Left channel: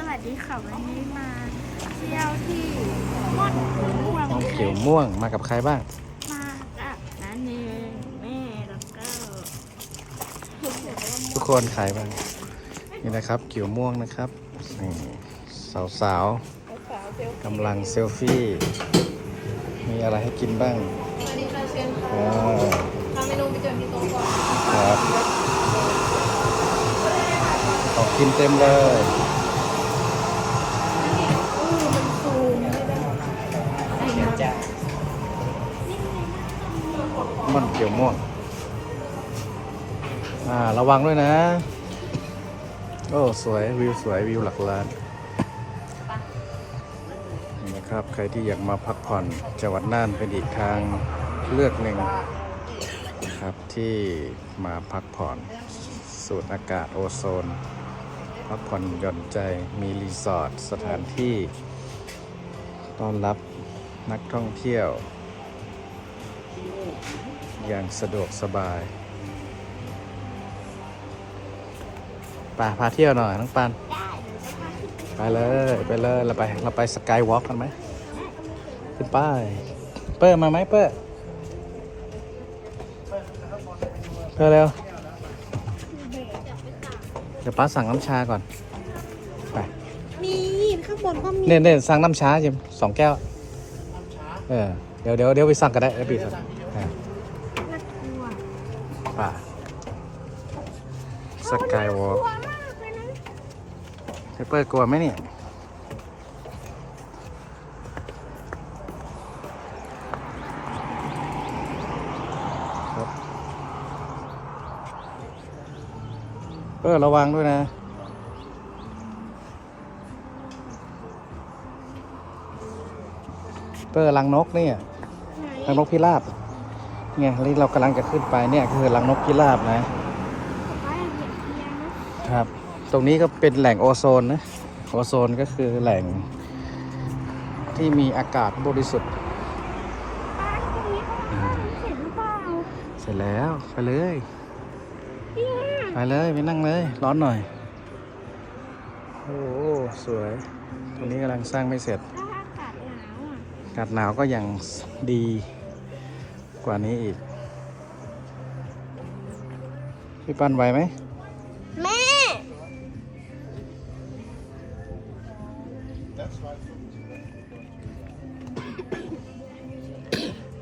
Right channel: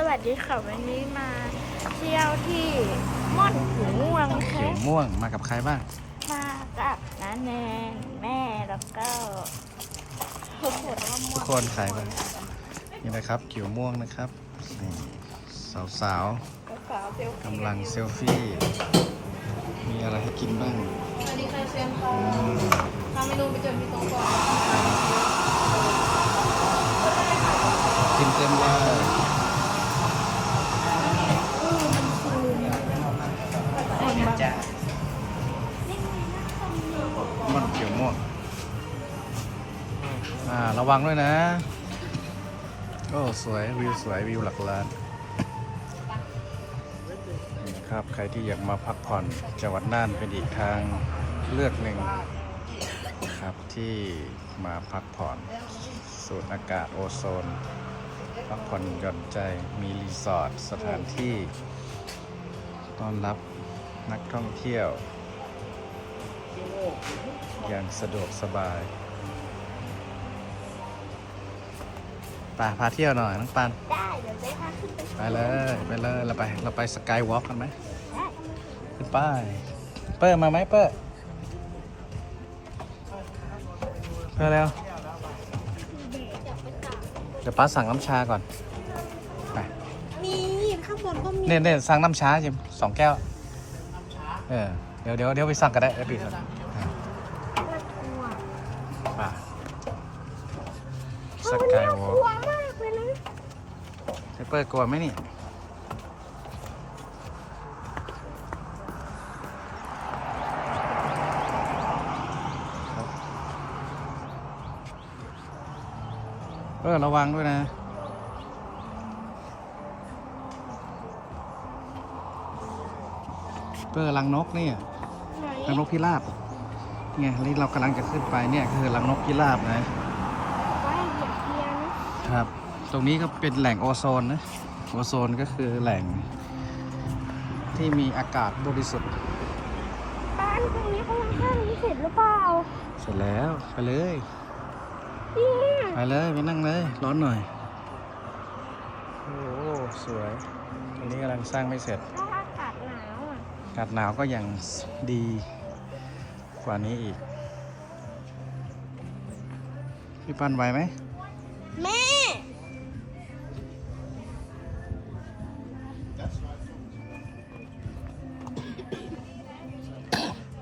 สวัสดีค่ะวันนี้มาเที่ยวที่ม่อนหูม่วงเขียวม่วงมากับใครบ้าง มากับน้าแนนแม่แล้วก็ผมผมทุกคนใครบ้างนี่นะครับเขียวม่วงนะครับนี่สาวๆกำลังเซลฟี่ มีอะไรให้กินบ้างอ่าครับของกินเต็มเลย มันเขียวม่วงอ่า ระวังด้วยนะ โอ้ สวย วิวสวย วิวหลักล้านนี่ครับ ใครที่อยากมาพักผ่อนจังหวัดน่านเป็นอีกทางเลือกหนึ่งนะครับที่มาพักผ่อนสูดอากาศโอโซน พักผ่อนหย่อนใจมีรีสอร์ทสถานที่ ต้อนรับ นักท่องเที่ยว อย่างสะดวกสบายไปพาเที่ยวหน่อยน้องปันได้เดี๋ยวจะพาขึ้นไปไปเลย ไปเลย เราไป เราไปสกายวอล์กกันไหมขึ้นไป้ายเปิ้ลมาไหมเปิ้ลเปิ้ลเร็วเดี๋ยวป้าสั่งน้ำชาก่อน ไป มีข้างบนก็มี เนี่ยเนี่ยสั่งน้ำชาจิมสองแก้ว เออเดี๋ยวเดี๋ยวเดี๋ยวไปสั่งกันได้เดี๋ยวไปสั่งอ่าไปสกายวอล์กมากเลยนะเปิ้ลกลัวไหมเนี่ยเปิ้ลระวังด้วยนะ เปิ้ลรังนกเนี่ยไหนรังนกพิราบเนี่ยนี่เรากำลังจะขึ้นไปเนี่ยคือรังนกพิราบนะไม่เห็นเทียนครับ ตรงนี้ก็เป็นแหล่งโอโซนนะโอโซนก็คือแหล่ง ที่มีอากาศบริสุทธิ์บ้านนี้เสร็จหรือเปล่าเสร็จแล้วไปเลยเนี่ยไปเลยไปนั่งเลย ร้อนหน่อย โอ้โหสวยตรงนี้กำลังสร้างไม่เสร็จากาศหนาวก็ยังดีกว่านี้อีก พี่ปันไหวไหมแม่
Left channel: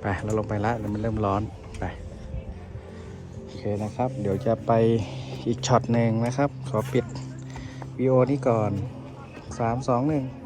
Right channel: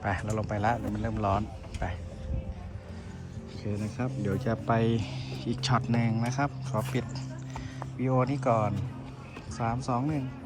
ไปเราลงไปแล้วเดี๋ยวมันเริ่มร้อนไปโอเคนะครับ เดี๋ยวจะไปอีกช็อตหนึ่งนะครับ ขอปิดวีโอนี้ก่อนสามสองหนึ่งไ